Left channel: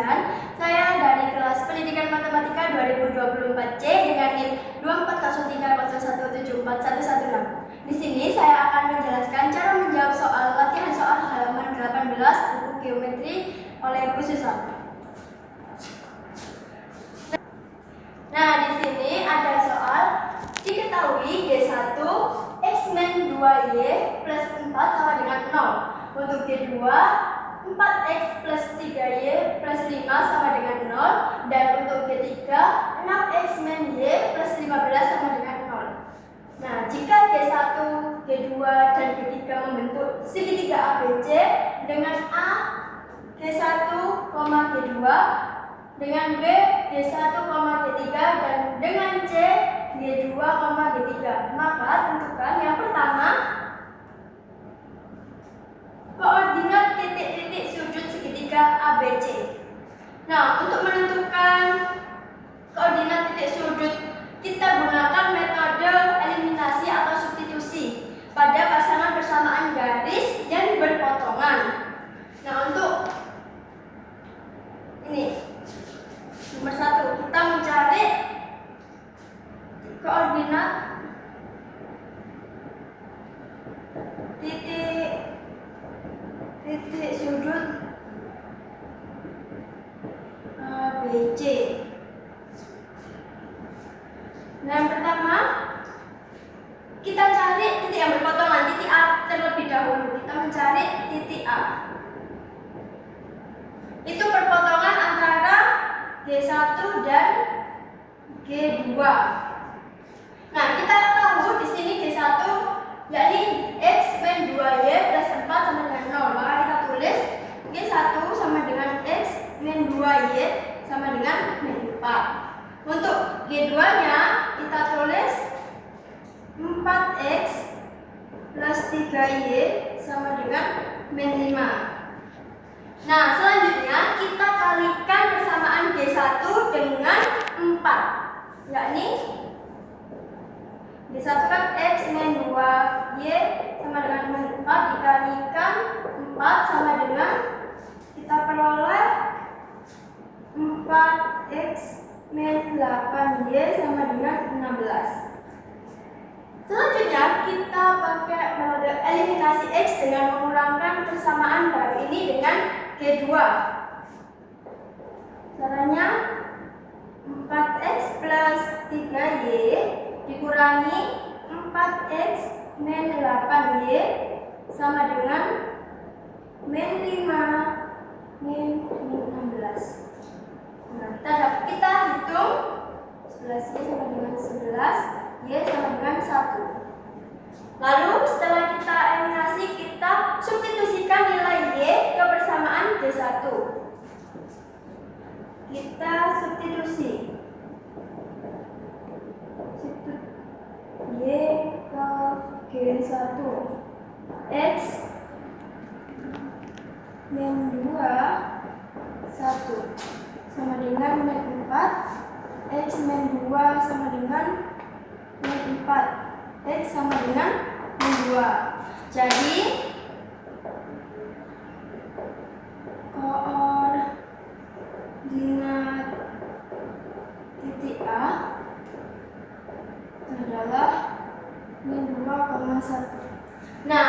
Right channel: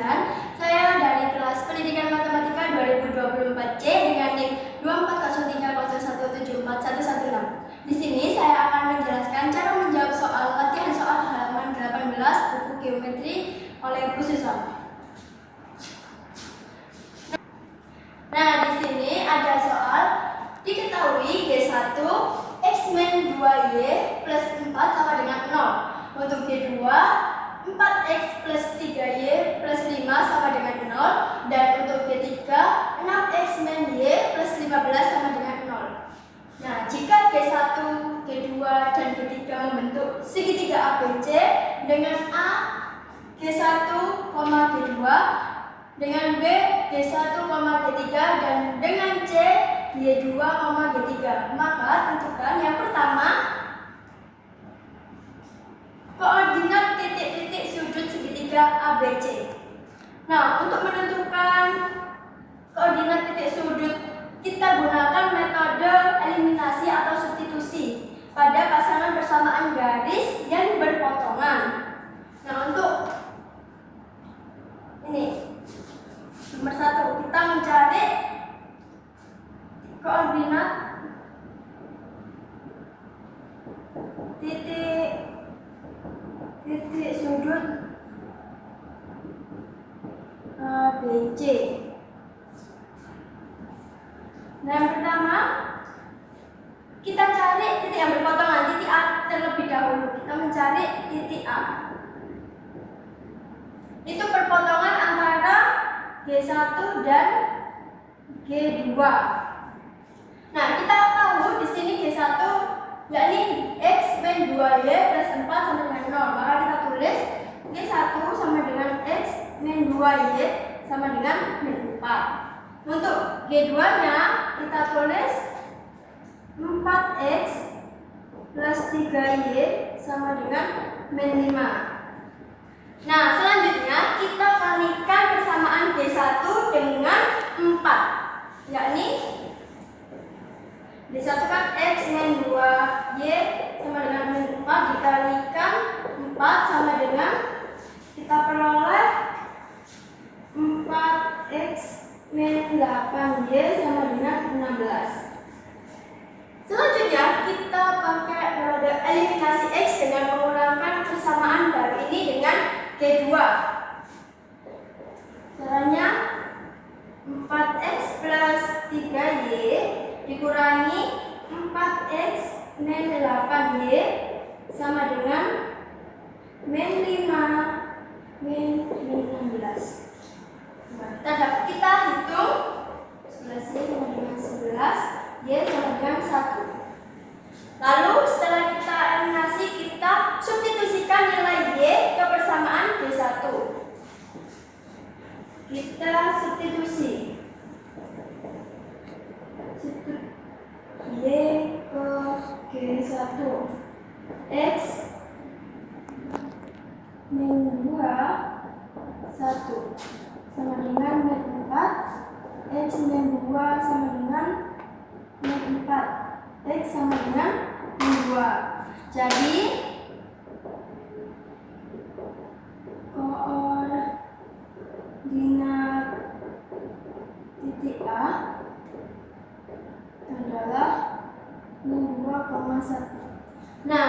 Saya dari kelas Pendidikan Matematika 2024C dengan NIM 24030174116. Di sini saya akan menjelaskan cara menjawab soal latihan soal halaman 18 buku geometri oleh Bu Susan. Nah, di sini ada soal diketahui G1 X-2Y plus 4 sama dengan 0. Untuk G2 4X plus 3Y plus 5 sama dengan 0. Dan untuk G3 6X-Y plus 15 sama dengan 0. Nah, jika G1, G2, dan G3 membentuk segitiga ABC dengan A G1, G2 dengan B G1, G3 dan dengan C G2, G3, maka tentukan yang pertama koordinat titik-titik sudut segitiga ABC. Nah, untuk menentukan koordinat titik sudut, kita gunakan metode eliminasi atau substitusi pada pasangan bersamaan garis dan berpotongan. Nah, untuk ini nomor 1, kita mencari koordinat titik sudut ABC. Nah, yang pertama kita cari titik yang berpotongan, titik A terlebih dahulu. Kita mencari titik A. Itu perpotongan antara G1 dan G2. Nah, kita tahu di sini G1 yakni X min 2Y plus 4 sama dengan 0. Maka kita tulis G1 sama dengan X min 2Y sama dengan min 4. Untuk G2-nya kita tulis 4X plus 3Y sama dengan min 5. Nah, selanjutnya kita kalikan persamaan G1 dengan 4, yakni G1 kan X min 2Y sama dengan min 4 dikalikan 4 sama dengan, kita peroleh 4X min 8Y sama dengan 16. Selanjutnya kita pakai metode eliminasi X dengan mengurangkan persamaan baru ini dengan G2. Caranya 4X plus 3Y dikurangi 4X min 8Y sama dengan min 5 min 16. Nah, kita hitung 11Y sama dengan 11, Y sama dengan 1. Lalu setelah kita eliminasi, kita substitusikan nilai Y ke persamaan G1. Kita substitusi Y ke G1, X min 2 1 sama dengan min 4, X min 2 sama dengan min 4, X sama dengan min 2. Jadi koordinat titik A adalah min 2,1. Nah,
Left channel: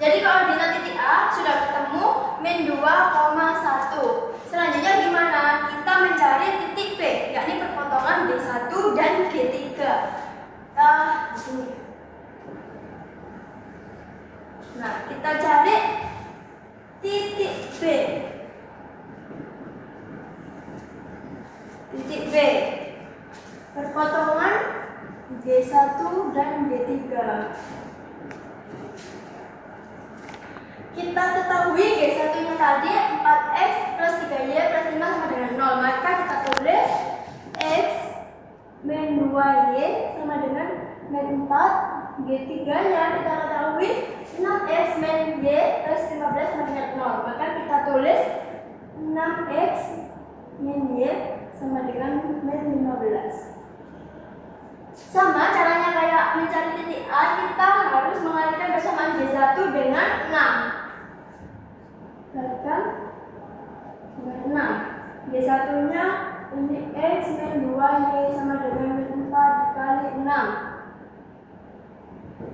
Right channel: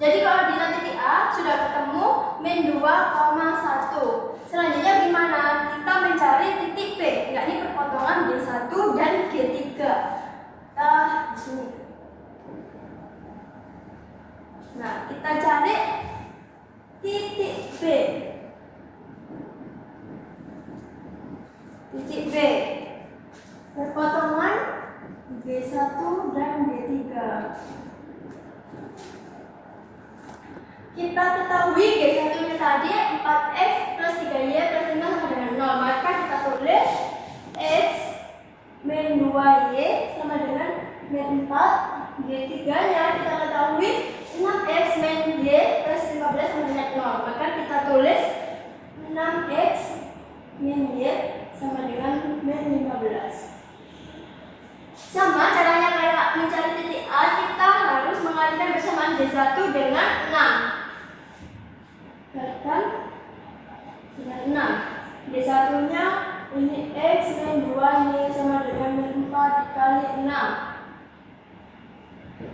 jadi koordinat titik A sudah ketemu min 2,1. Selanjutnya gimana? Kita mencari titik P, yakni perpotongan B1 dan G3. Nah, kita cari titik B. Titik B perpotongan G1 dan G3. Kita ketahui G1-nya tadi 4X plus 3Y plus 5 sama dengan 0. Maka kita tulis X min 2Y sama dengan min 4. G3-nya kita ketahui 6X min Y plus 15 sama dengan 0. Maka kita tulis 6X min Y sama dengan min 15. Sama caranya kayak mencari titik A, kita harus mengalihkan persamaan G1 dengan 6. Kalikan dengan 6. G1 nya ini X min 2Y sama dengan min 4 dikali 6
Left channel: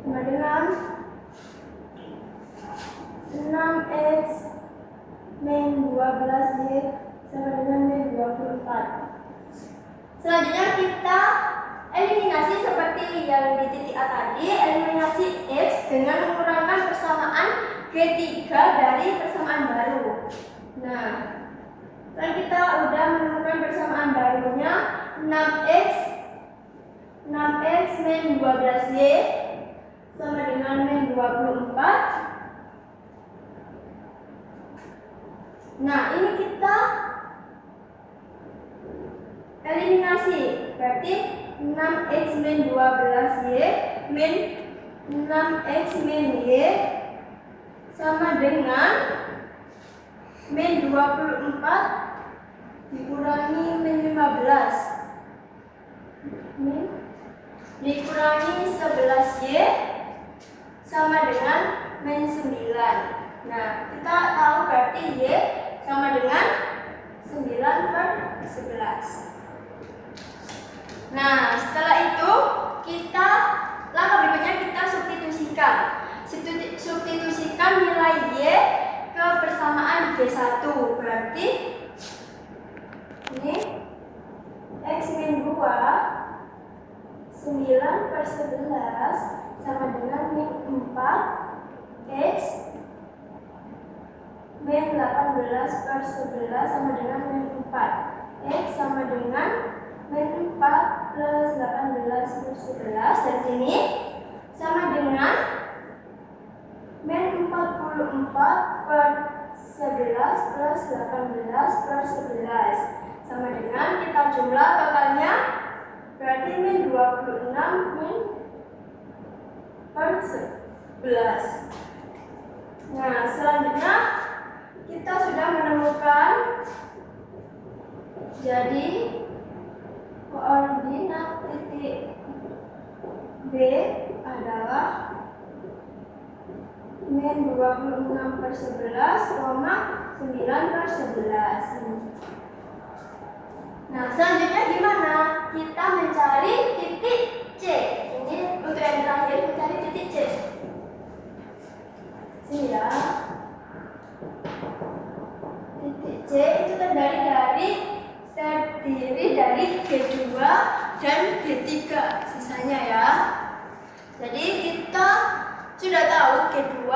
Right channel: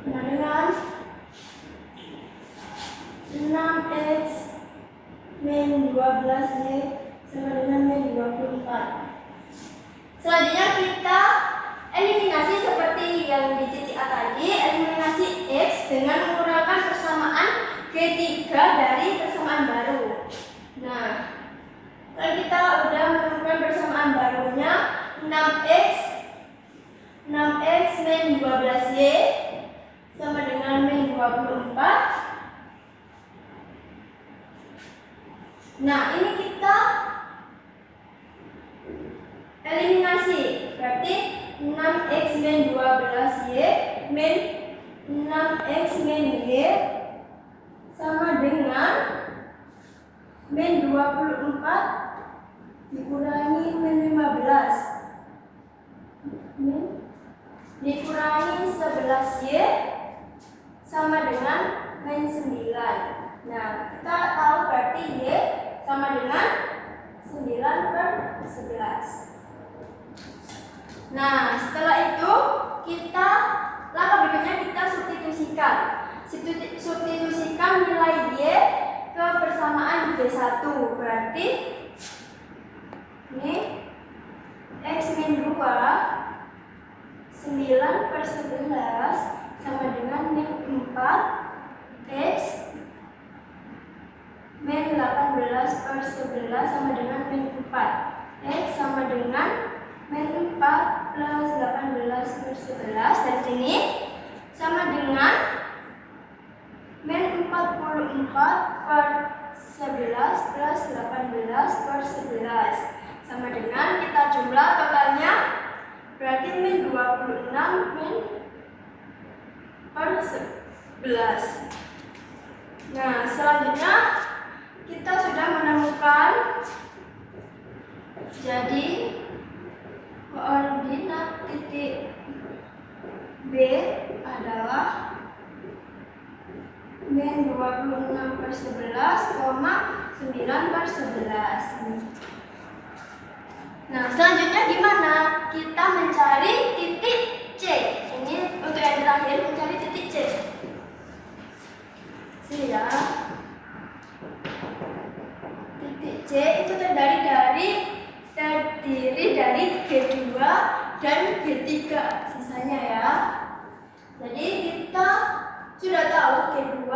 sama dengan 6X min 12Y sama dengan min 24. Selanjutnya kita eliminasi seperti yang di titik A tadi, eliminasi X dengan mengurangkan persamaan G3 dari persamaan baru. Nah, setelah kita udah menemukan persamaan barunya 6x min 12y sama dengan min 24. Nah, ini kita eliminasi, berarti 6x min 12y min 6x min y sama dengan min 24 dikurangi min 15 dikurangi 11y sama dengan min 9. Nah, kita tahu berarti y sama dengan 9/11. Nah, setelah itu kita langkah berikutnya kita substitusikan. Substitusikan nilai y ke persamaan G1. Berarti ini X min 2 9/11 sama dengan min 4 X min 18/11 sama dengan min 4 X sama dengan min 4 plus 18/11 dari sini sama dengan min 44/11 plus 18/11 sama dengan kita jumlah totalnya berarti min 26 min per 11. Nah, selanjutnya kita sudah menemukan jadi koordinat titik B adalah min 26/11, 9/11. Nah, selanjutnya gimana? Kita mencari titik C. Ini untuk yang terakhir, mencari titik C. Sini ya. Titik C itu terdiri dari G2 dan G3 sisanya ya. Jadi kita sudah tahu G2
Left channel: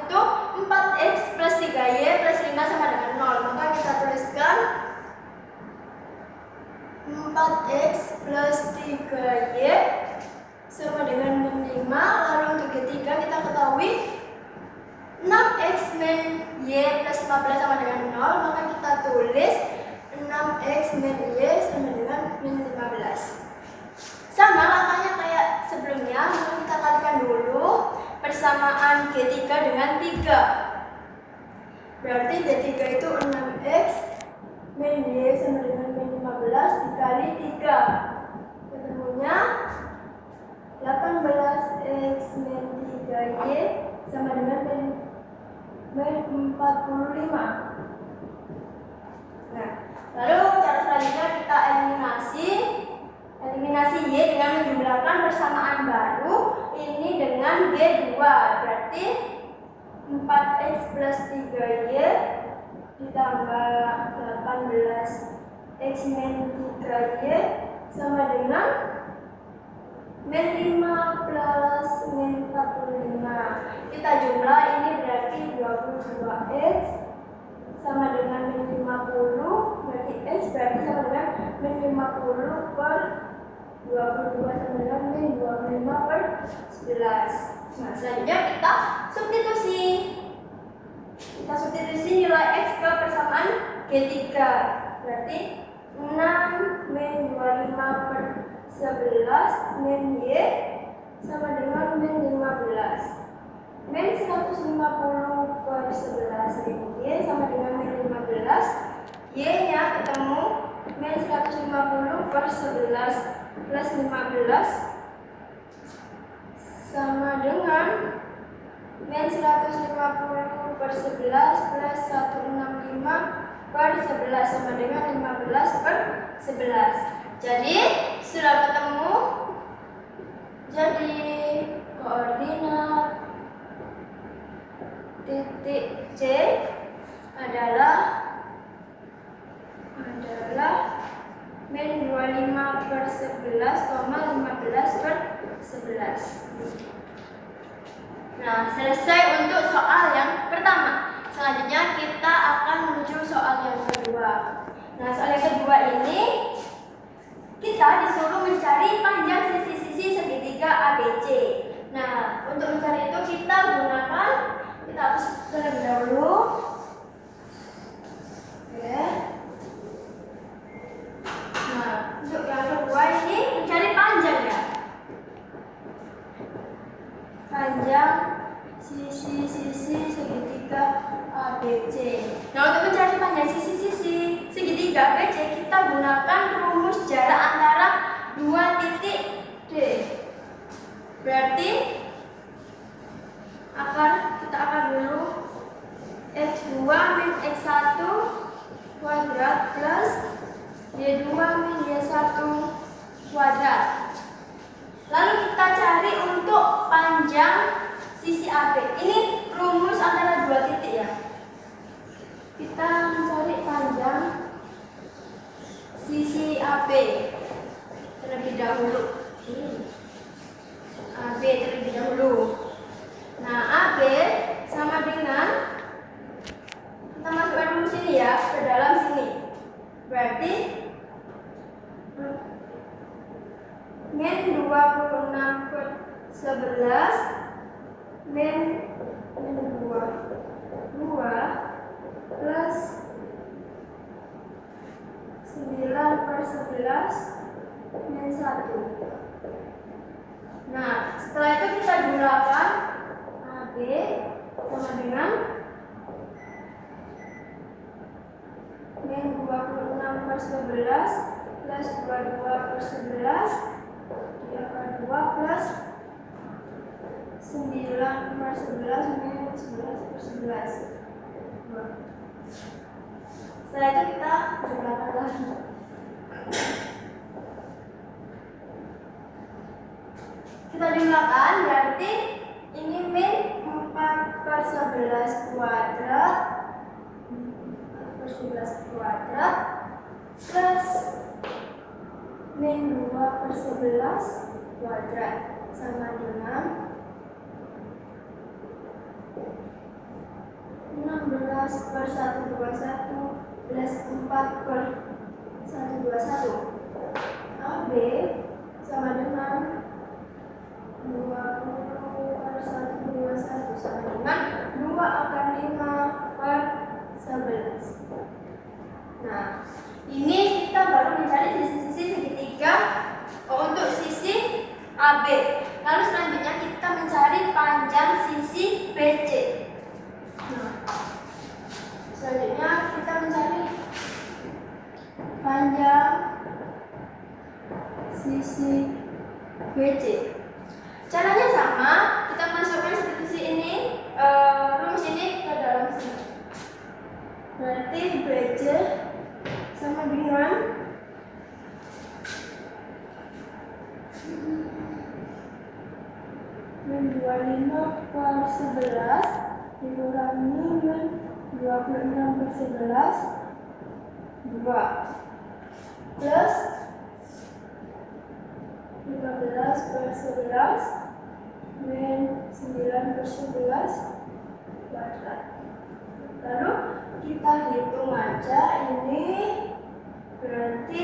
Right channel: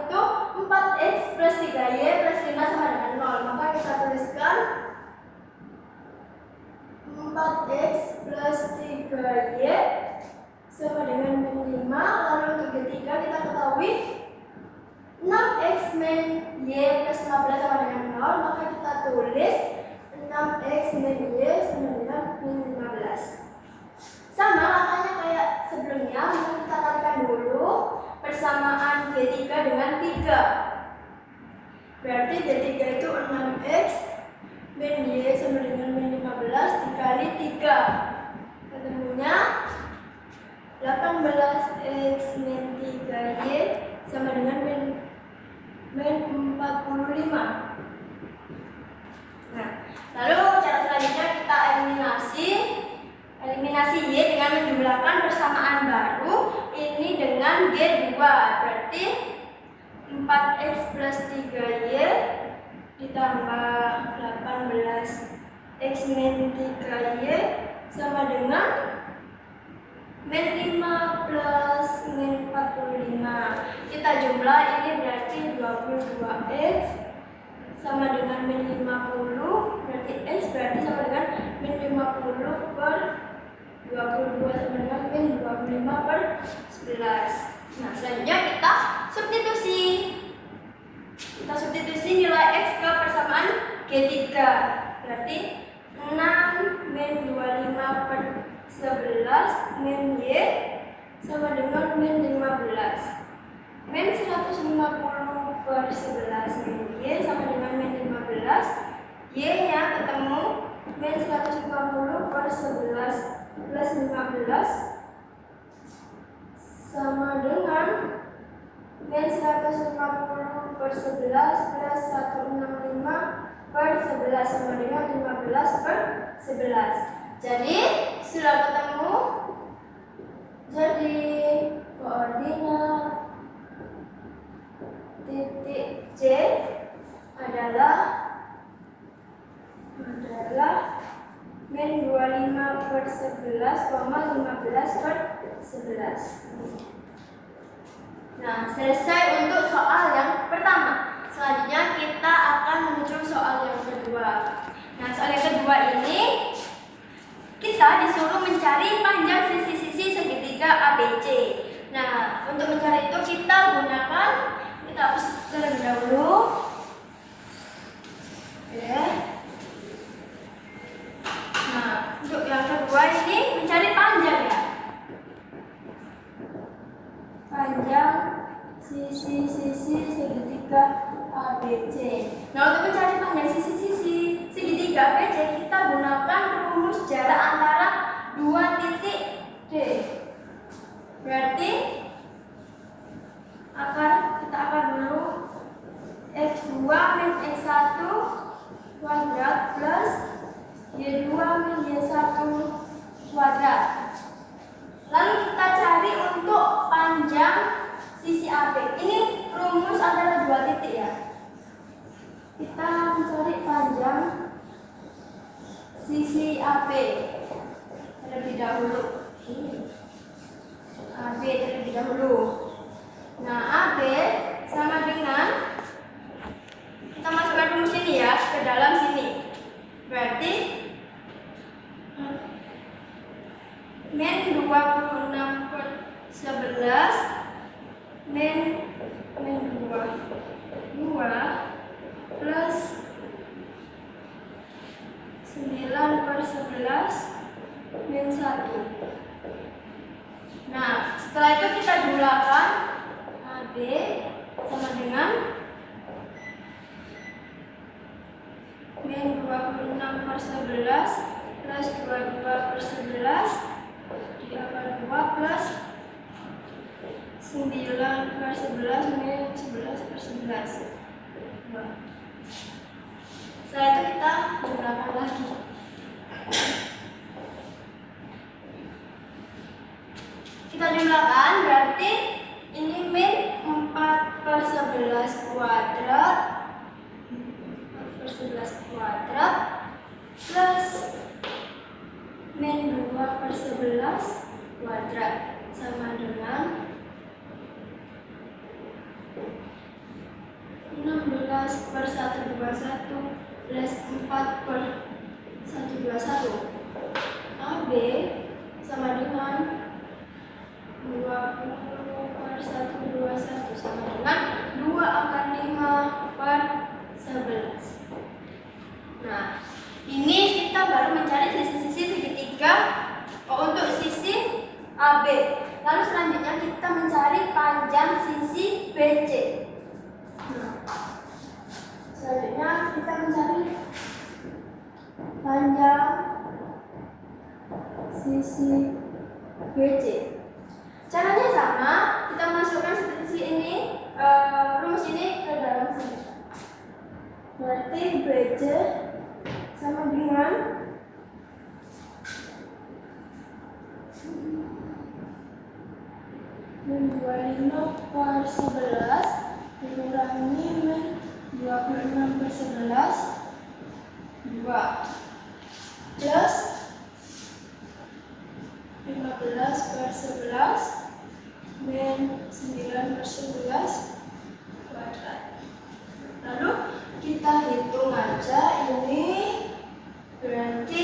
itu 4x plus 3y plus 5 sama dengan 0. Maka kita tuliskan 4x plus 3y sama dengan min 5. Lalu untuk G3 kita ketahui 6x min y plus 15 sama dengan 0. Maka kita tulis 6x min y sama dengan min 15. Sama langkahnya kayak sebelumnya, maka kita kalikan dulu persamaan G3 dengan 3. Berarti G3 itu 6x min y sama dengan min 15 dikali 3. Ketemunya 18x min 3y sama dengan min 45. Nah, lalu cara selanjutnya kita eliminasi y dengan menjumlahkan persamaan baru ini dengan G2. Berarti 4x plus 3y ditambah 18x min 3y sama dengan min 5 plus min 45. Kita jumlah ini berarti 22x sama dengan min 50, berarti x berarti sama dengan min 50 per 22 sama dengan min 25/11. Nah, selanjutnya kita substitusi. Kita substitusi nilai x ke persamaan G3. Berarti 6 min 25/11 min y sama dengan min 15. Min 150/11 min y sama dengan min 15. Y nya ketemu min 150/11 plus 15 sama dengan min 150/11 plus 165 per 11 sama dengan 15 per 11. Jadi sudah ketemu. Jadi koordinat titik C adalah min 25 per 11, 15 per 11. Nah, selesai untuk soal yang pertama. Selanjutnya kita akan menuju soal yang kedua. Nah, soal yang kedua ini kita disuruh mencari panjang sisi-sisi segitiga ABC. Nah, untuk mencari itu kita hapus terlebih dahulu. Oke. Nah, untuk yang kedua ini mencari panjang ya. Panjang sisi-sisi segitiga ABC. Nah, untuk mencari panjang sisi-sisi segitiga ABC, kita gunakan rumus jarak antara dua titik D. Berarti kita akar dulu x2 min x1 kuadrat plus y2 min y1 kuadrat. Lalu kita cari untuk panjang sisi AB. Ini rumus antara dua titik ya. Kita mencari panjang sisi AB terlebih dahulu. AB terlebih dahulu. Nah, AB sama dengan, kita masukkan rumus ini ya ke dalam sini. Berarti min 26 per 11 min 2 plus 9 per 11 min 1. Nah, setelah itu kita jumlahkan AB sama dengan min 26 per 11 plus 22 per 11 diakar 2 plus 9 per 11 min 11 per 11. Setelah itu kita jumlahkan lagi. Kita jumlahkan berarti ini min 4 per 11 kuadrat 4 per 11 kuadrat plus min 2 per 11 kuadrat sama dengan 16 per 121 plus 4 per 121. AB sama dengan 20 per 121 sama dengan 2 akar 5 per 11. Nah, ini kita baru mencari sisi-sisi segitiga untuk sisi AB. Lalu selanjutnya kita mencari panjang sisi BC. Nah, selanjutnya kita mencari panjang sisi BC. Caranya sama, kita masukkan sisi ini, rumus ini ke dalam sini. Berarti BC sama dengan min 25 per 11 dikurangi min 26 per 11 2 plus 15 per 11 min 9 per 11 kuadrat. Lalu kita hitung aja ini, berarti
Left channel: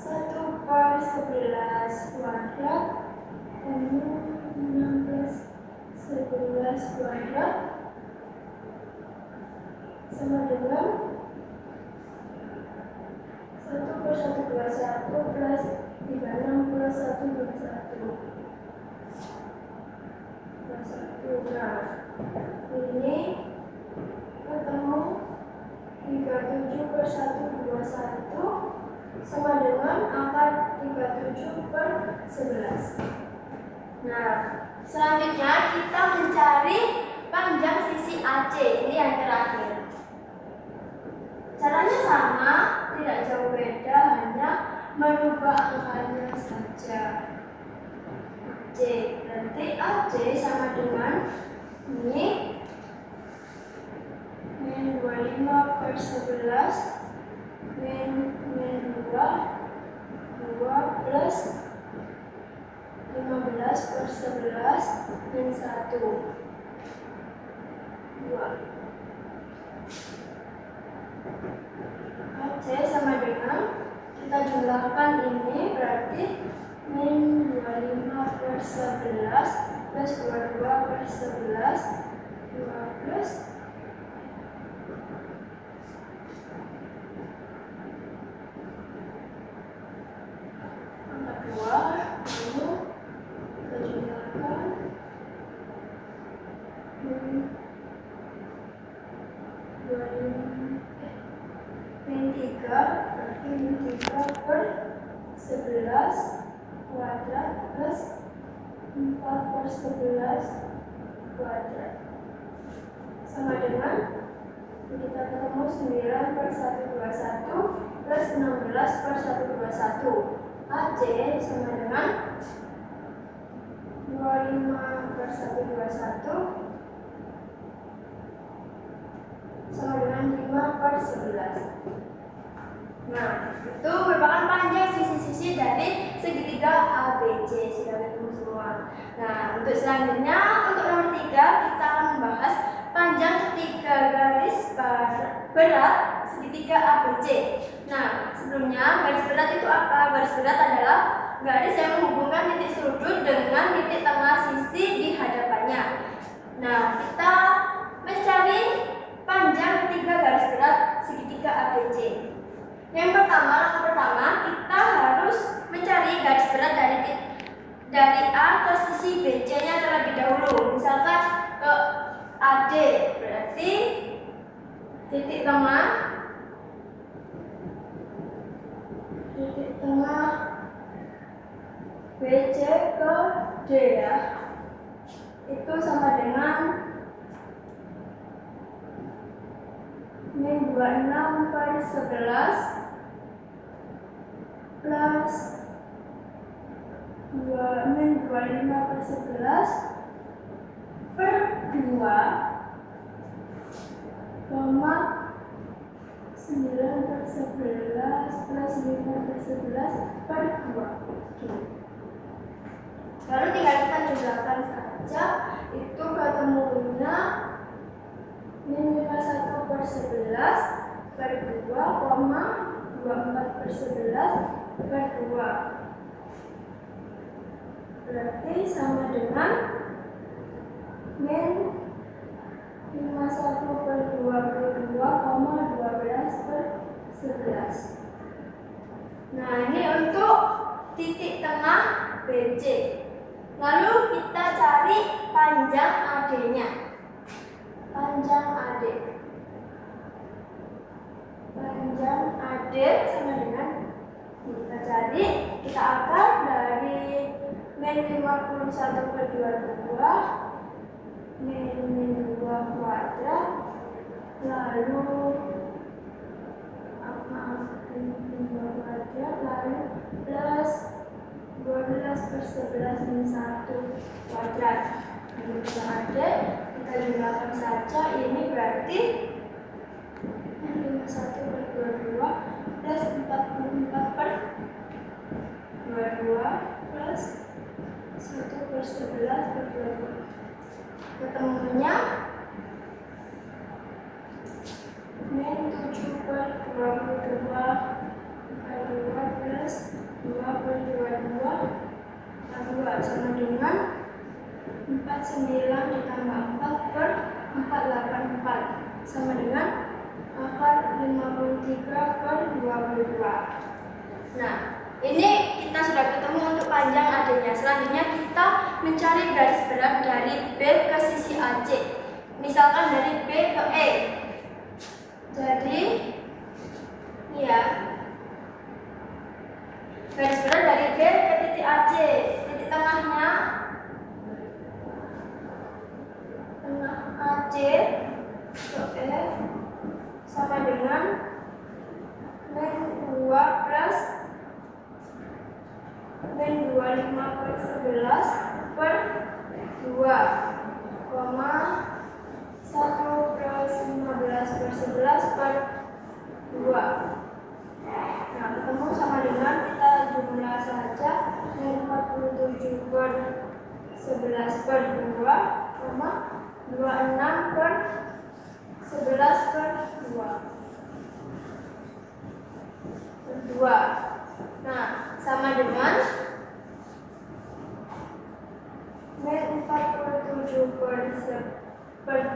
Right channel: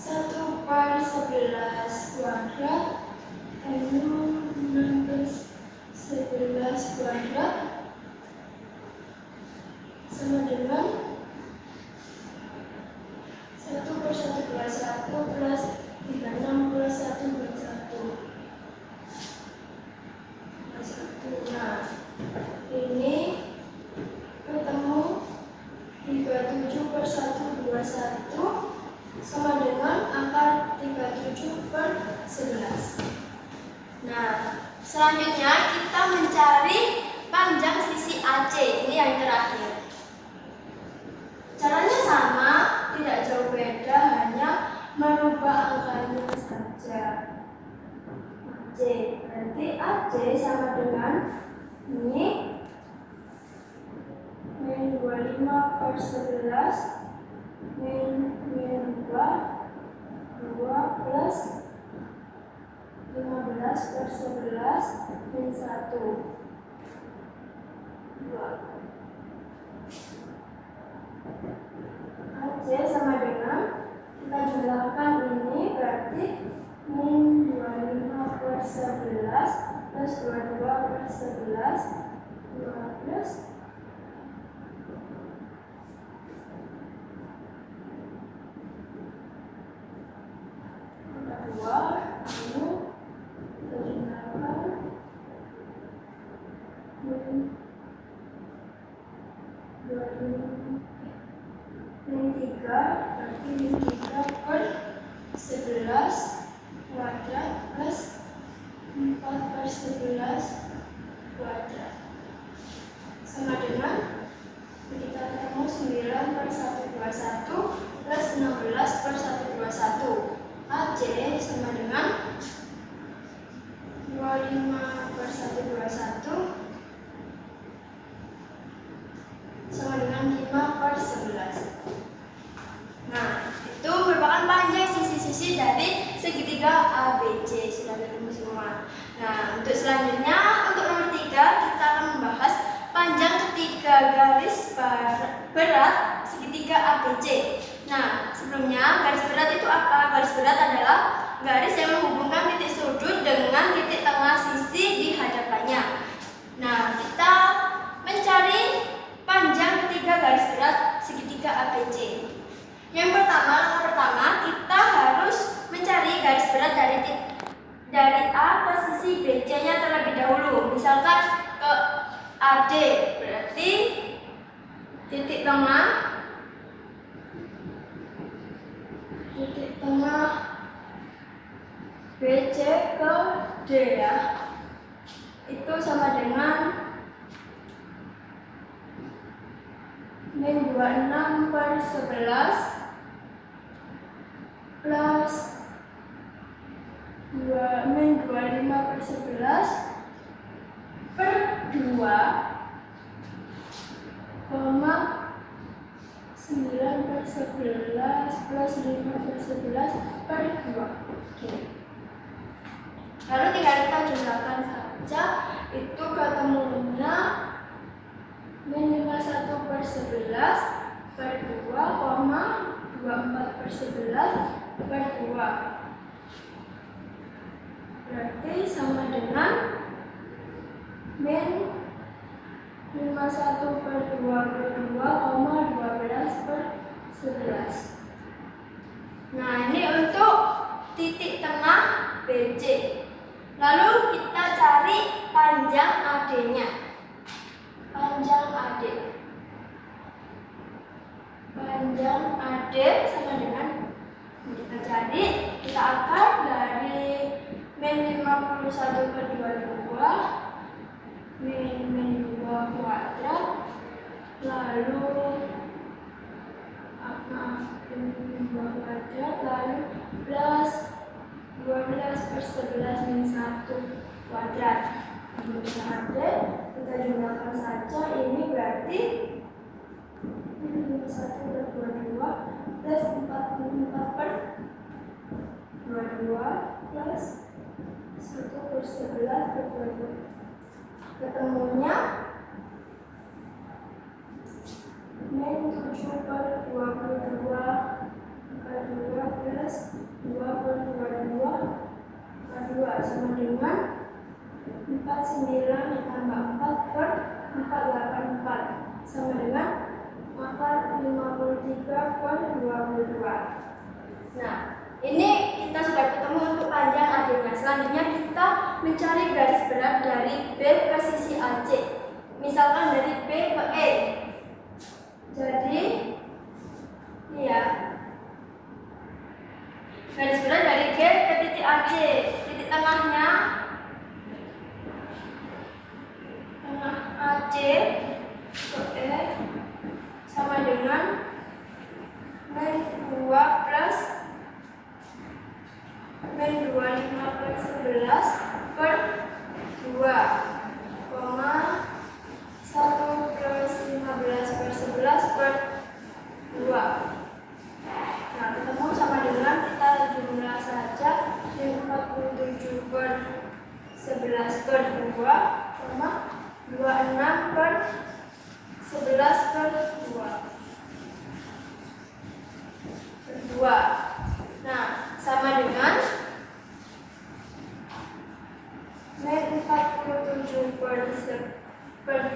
1 per 11 kuadrat 16 11 kuadrat sama dengan 1 per 121 plus 36 plus 1 plus 1. Nah, ini ketemu 37 per 121 sama dengan akar 37 per 11. Nah, selanjutnya kita mencari panjang sisi AC. Ini yang terakhir. AC sama dengan ini min 25 per 11 min 2 plus 15 per 11 min 1 2. AC sama dengan, kita jumlahkan ini berarti min 25 per 11 plus 22 per 11 2 plus 2, lalu kita jumlahkan min 3 berarti min 3 per 11 kuadrat plus 4 per 11 kuadrat sama dengan kita ketemu 9 per 121 plus 16 per 121. AC sama dengan 25 per 121 sama dengan 5 per 11. Nah, itu merupakan panjang sisi-sisi dari segitiga ABC. Sudah ketemu semua. Nah, untuk selanjutnya, untuk nomor 3 kita akan membahas panjang ketiga garis berat segitiga ABC. Nah, sebelumnya garis berat itu apa? Garis berat adalah garis yang menghubungkan titik sudut dengan titik tengah sisi di hadapannya. Nah, kita mencari panjang ketiga garis berat segitiga ABC. Yang pertama kita harus mencari garis berat dari A ke sisi BC-nya terlebih dahulu. Misalkan ke AD, berarti titik tengah BC ke D ya, itu sama dengan min 26 per 11 plus min 25 per 11 per 2 koma 9 per 11 plus 5 per 11 per 2. Oke. Lalu tinggal kita jumlahkan saja, itu ketemunya min 51 per 11 per 2 koma 24 per 11 per 2. Berarti sama dengan min 51 per 22 koma 12 per 11. Nah, ini untuk titik tengah BC. Lalu kita cari panjang AD-nya. Panjang AD sama dengan, kita cari, kita akar dari min 51 per 22 min 2 kuadrat, lalu min 2 kuadrat, lalu plus 12 per 11 min 1 kuadrat. Lalu kita ada, kita jumlahkan saja, ini berarti min 51 per 22 plus 44 per 22 plus 1 per 11 per 22. Ketemunya min 7 per 22 plus 2 per 22 sama dengan 49 ditambah 4 per 484 sama dengan akar 53 per 22. Nah, ini kita sudah ketemu untuk panjang AD-nya. Selanjutnya kita mencari garis berat dari B ke sisi AC. Misalkan dari B ke E. Jadi, ini ya. Garis berat dari G ke titik AC. Titik tengahnya tengah AC ke E sama dengan min 2 plus min 25 per 11 per 1 plus 15 per 11 per 2. Nah, ketemu sama dengan kita jumlah saja min 47 per 11 per 2, 26 per 11 per 2. Nah, sama dengan min 47 per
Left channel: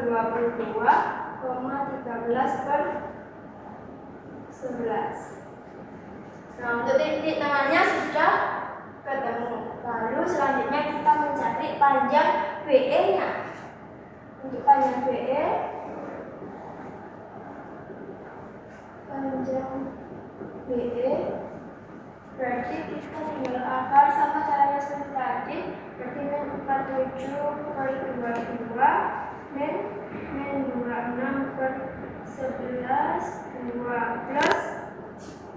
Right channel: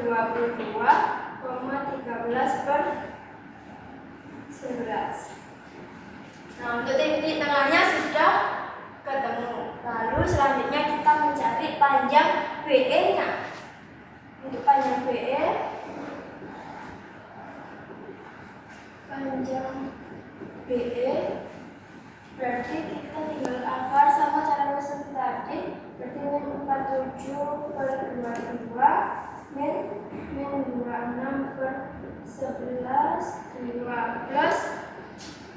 22, 13 per 11. Nah, untuk titik tengahnya sudah ketemu. Lalu selanjutnya kita mencari panjang BE-nya. Untuk panjang BE, berarti kita tinggal akar sama caranya seperti tadi. Berarti min 47 per 22 min 26 per 11 2 plus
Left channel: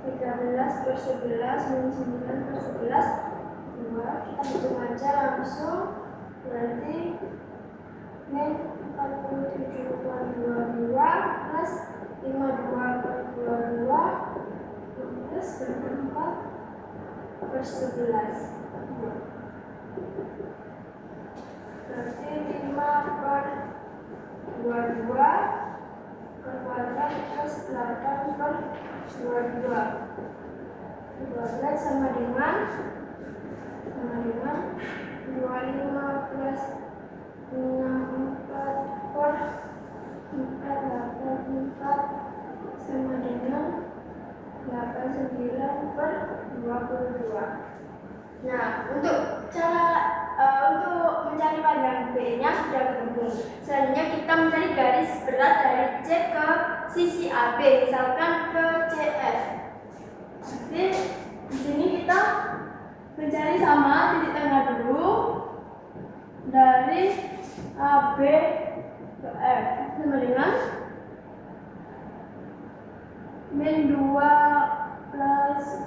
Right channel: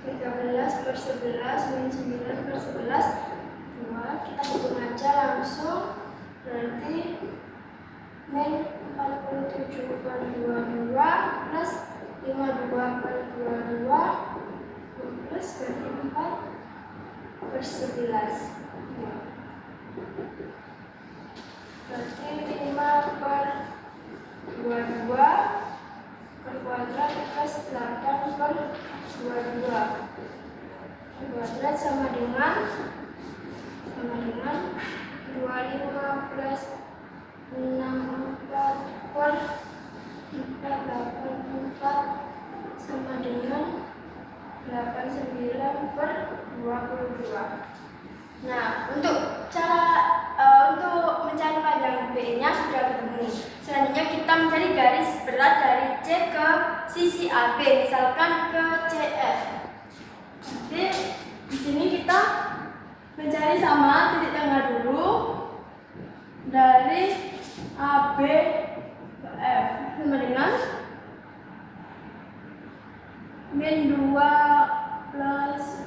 13 per 11 min 9 per 11 2. Kita hitung aja langsung. Berarti min 47 per 22 plus 52 per 22 plus berarti 4 per 11 berarti 5 per 22 ke kuadrat plus 8 per 22 kuadrat sama dengan 25 plus 64 per 484 sama dengan 89 per 22. Nah, untuk mencari panjang B-nya sudah ketemu. Selanjutnya kita mencari garis berat dari C ke sisi AB, misalkan ke CF. Jadi di sini kita mencari sama titik tengah dulu dari AB ke F sama dengan min 2 plus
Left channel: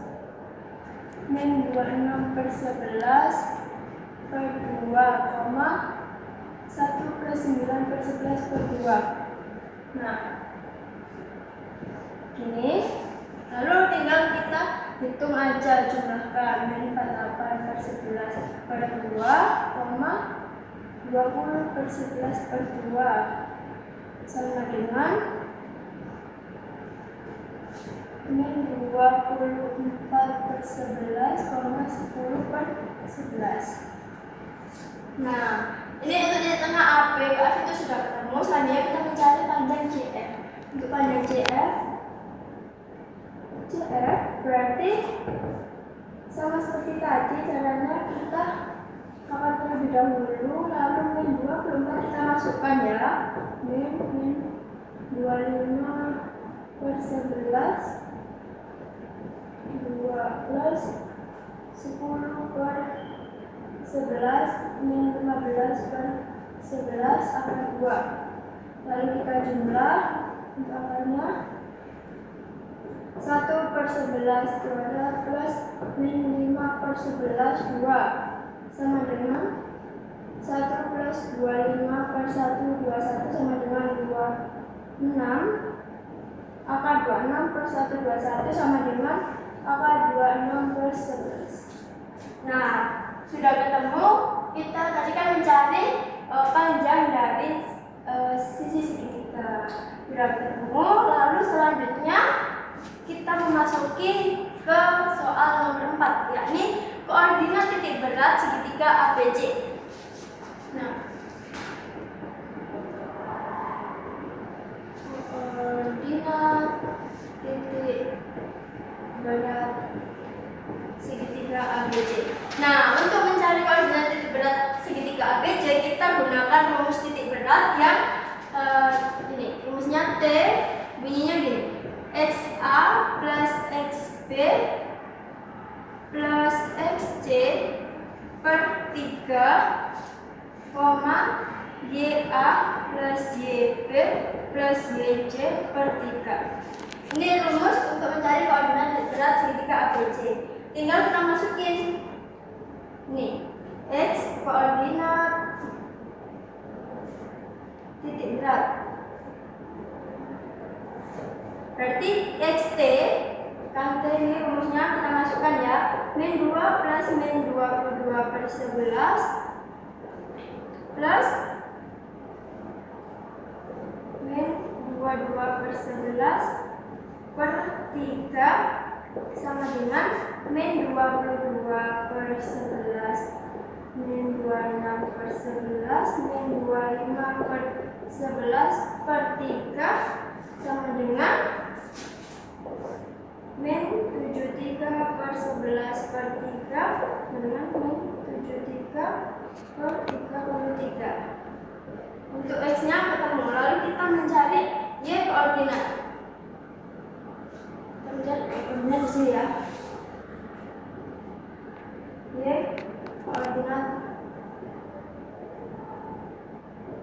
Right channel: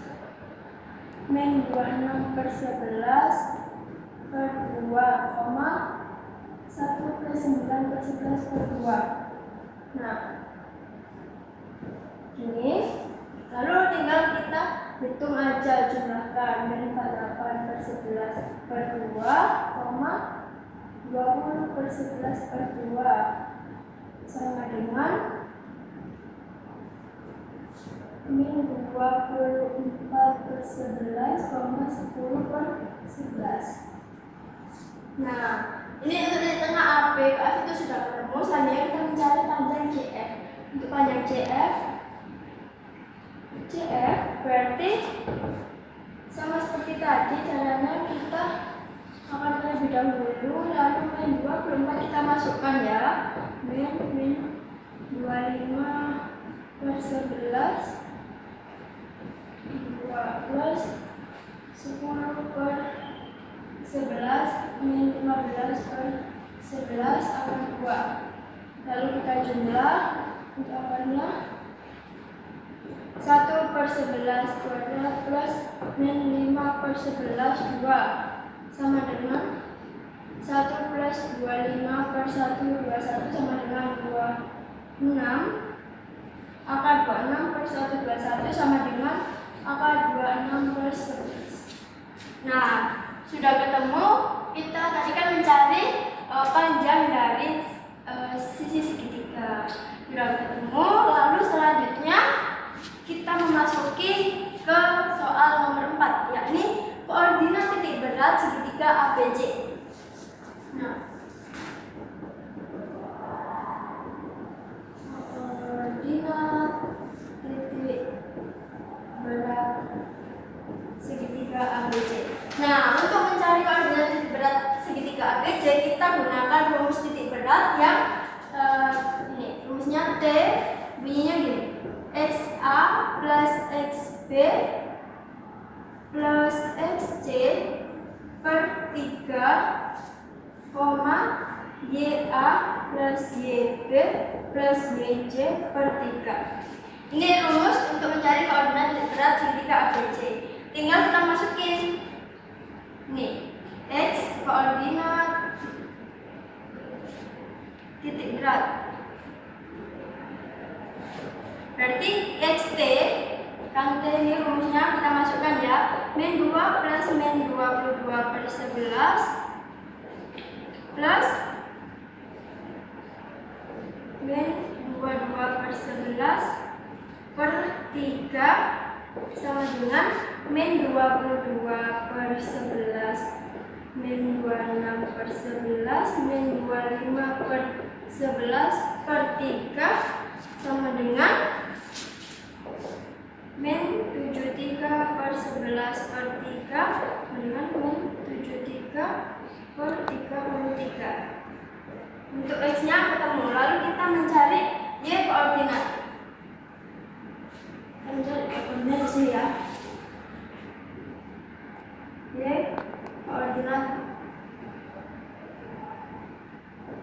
min 26 per 11 per 2, 1 plus 9 per 11 per 2. Nah, ini lalu tinggal kita hitung aja jumlahkan min 48 per 11 per 2, 20 per 11 per 2 sama dengan min 24 per 11, 10 per 11. Nah, ini untuk di tengah AB ke F itu sudah ketemu. Selanjutnya kita mencari panjang CF. Untuk panjang CF berarti sama seperti tadi, caranya kita akan terlebih dahulu, lalu min 24 kita masukkan ya, min 25 per 11 2 plus 10 per 11 min 15 per 11 akar 2. Lalu kita jumlah untuk akarnya 1 per 11 kuadrat plus min 5 per 11 2 sama dengan 1 plus 25 per 1 21 sama dengan 26 akar 26 per 1 21 sama dengan akar 26 per 11. Nah, sudah ketemu. Kita tadi kan mencari panjang dari sisi segitiga. Sudah ketemu. Lalu selanjutnya kita memasuki ke soal nomor 4, yakni koordinat titik berat segitiga ABC. Nah, koordinat titik berat segitiga ABC. Nah, untuk mencari koordinat titik berat segitiga ABC, kita gunakan rumus titik berat yang ini. Rumusnya T, bunyinya gini: XA plus XB plus XC per 3, YA plus YB plus YJ per 3. Ini rumus untuk mencari koordinat titik berat segitiga ABC. Tinggal kita masukin nih, X koordinat titik berat. Berarti XT, kan T ini rumusnya kita masukkan ya, min 2 plus min 22 per 11 plus min 22 per 11 per 3 sama dengan min 22 per 11 min 26 per 11 min 25 per 11 per 3 sama dengan min 73 per 11 per 3 sama dengan min 73 per 33. Untuk X-nya ketemu, lalu kita mencari Y koordinat. Kita mencari koordinat di sini ya. Y koordinat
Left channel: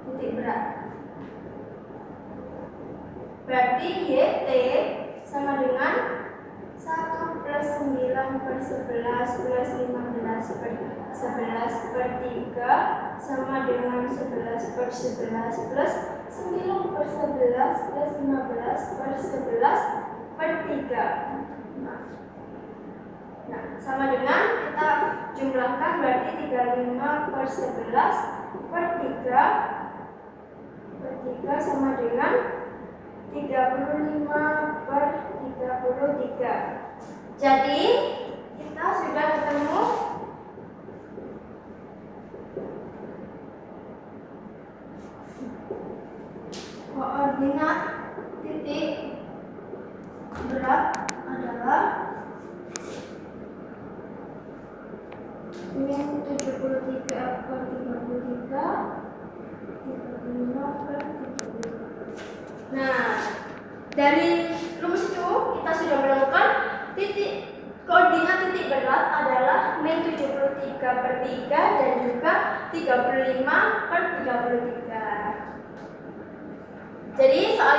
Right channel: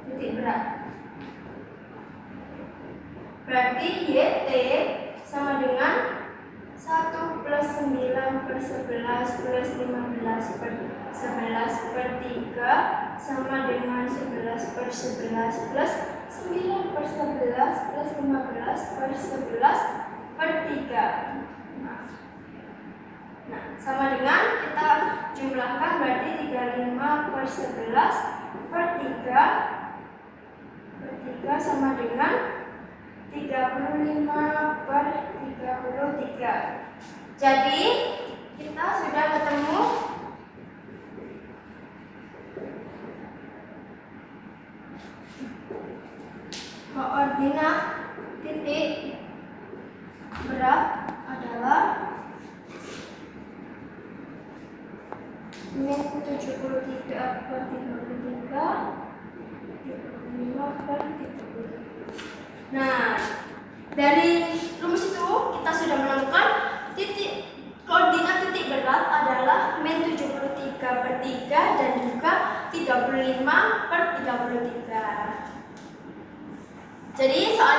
titik berat. Berarti YT sama dengan 1 plus 9 per 11 plus 15 per 11 per 3 sama dengan 11 per 11 plus 9 per 11 plus 15 per 11 per 3. Nah, sama dengan kita jumlahkan, berarti 35 per 11 per 3 sama dengan 35 per 33. Jadi kita sudah ketemu koordinat titik berat adalah min 73 per 33, 35 per 33. Nah, dari rumus itu kita sudah menemukan koordinat titik berat adalah min 73 per 3 dan juga 35 per 33. Jadi soal